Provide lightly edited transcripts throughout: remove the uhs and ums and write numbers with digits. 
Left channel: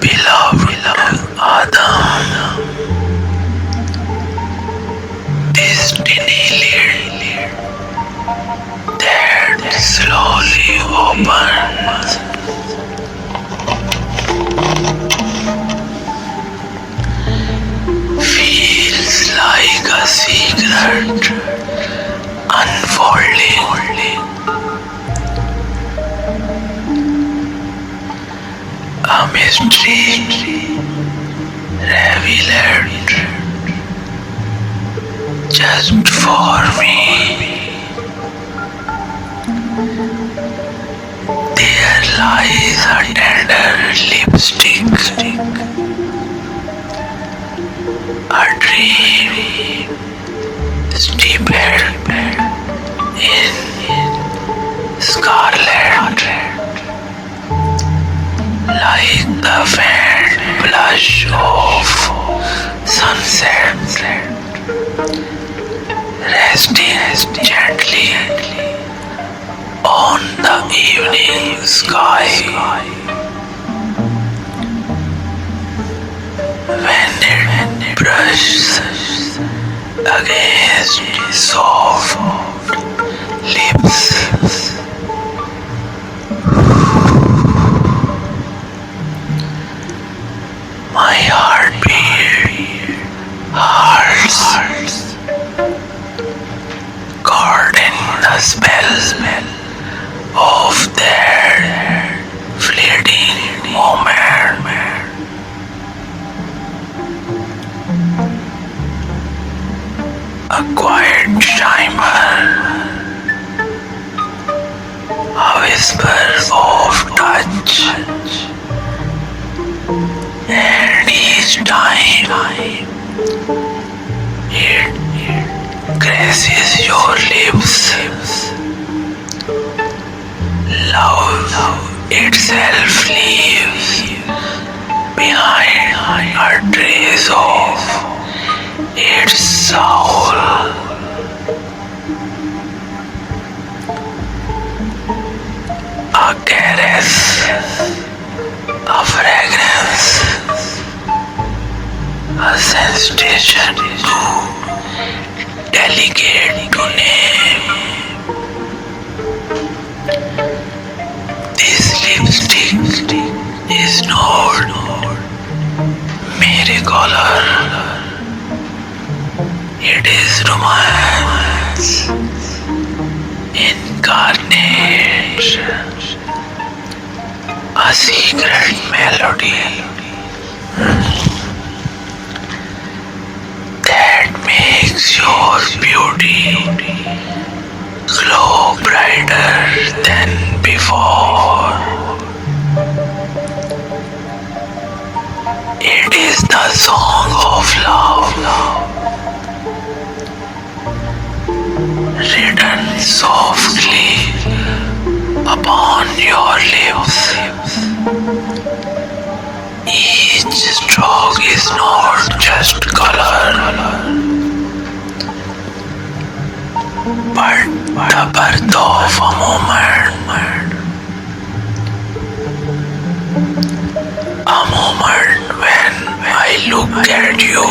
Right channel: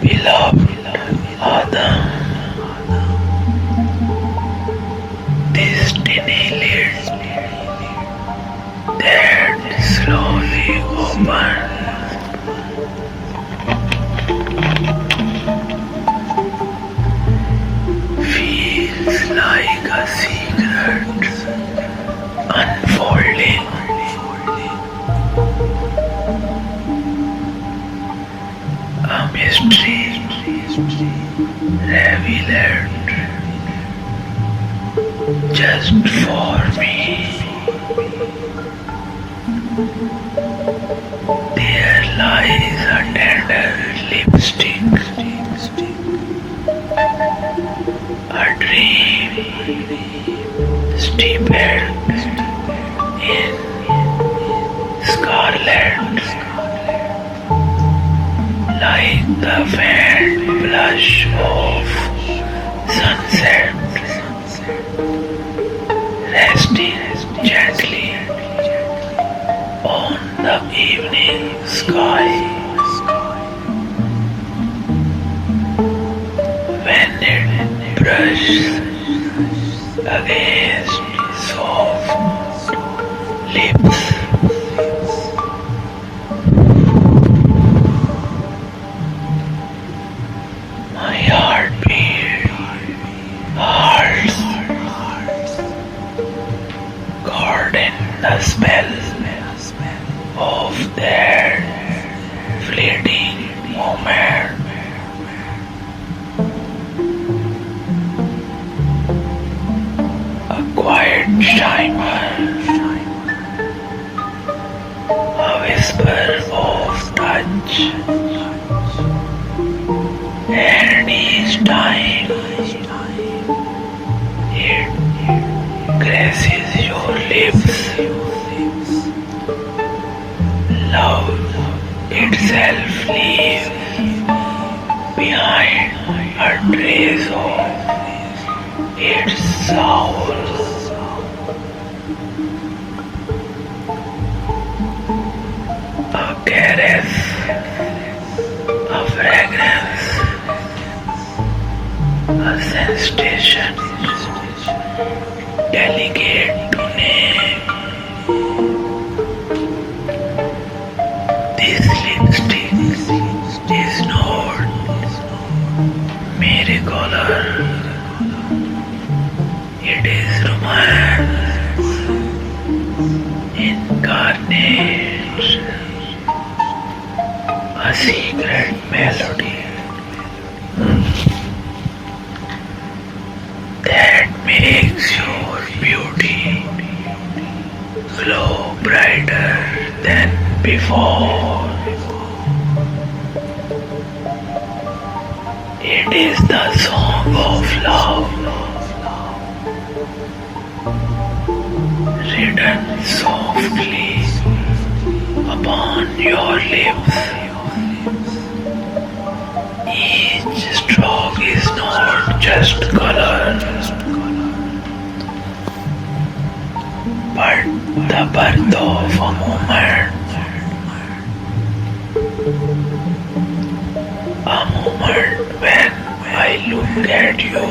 Beloved Adam, destiny led that slowly opens. Feels like a secret unfolding, a mystery revealed just for me. There lies a tender lipstick, a dream steeped in scarlet, like the faint blush of sunset, resting gently on the evening sky. When it brushes against soft lips, my heartbeat hurts, caught in the spell of their fleeting moment. A quiet shimmer, a whisper of touch, and each time it graces your lips, love itself leaves behind a trace of its soul. A caress, a fragrance, a sensation too delicate to name. This lipstick is not mere color. It is romance incarnate, a secret melody that makes your beauty glow brighter than before. It is the song of love, written softly upon your lips. Each stroke is not just color, but the birth of a moment. A moment when I look at you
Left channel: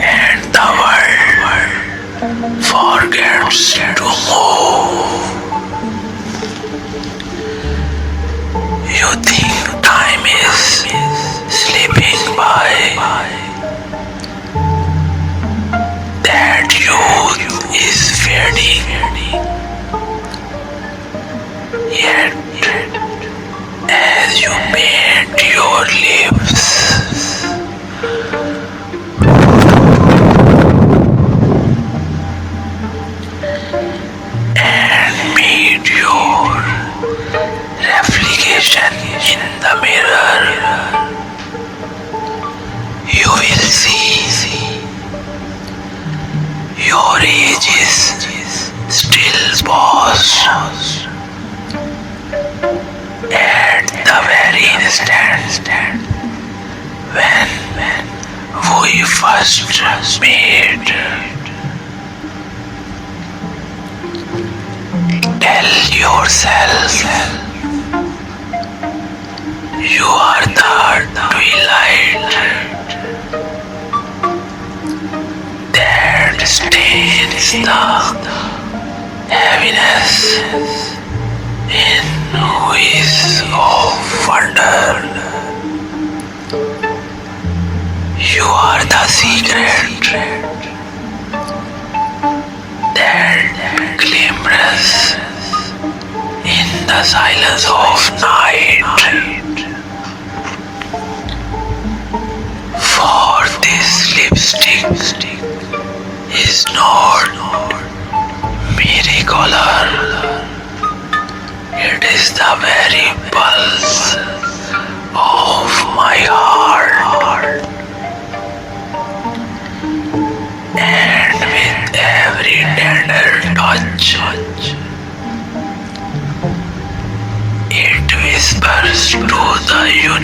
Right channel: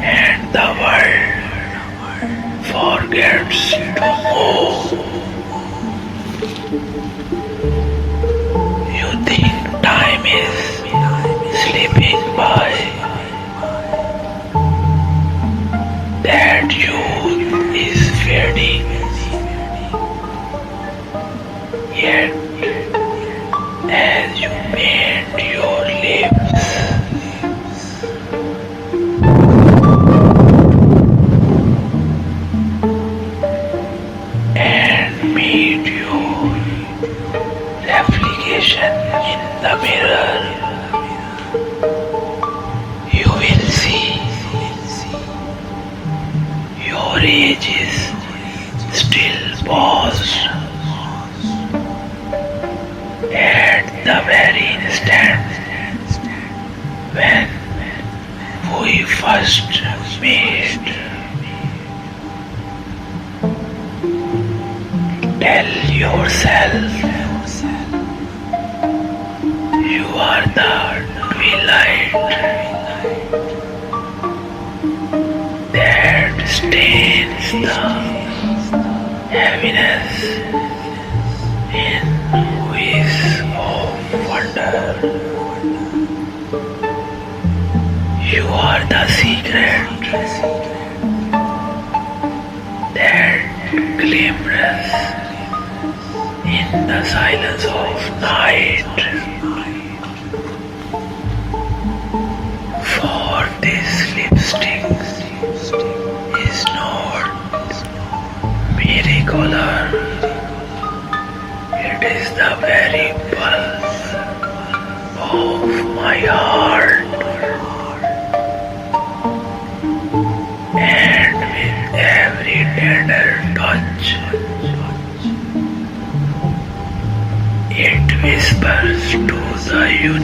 and the world forgets to move. You think time is slipping by, that youth is fading, yet as you paint your lips, and meet your reflection in the mirror, you will see your age is still paused at the very instant when we first met. Tell yourself heaviness in ways of wonder. You are the secret that glimmers in the silence of night. For this lipstick is not mere color. It is the very pulse of my heart. And with every tender touch, it whispers to the universe.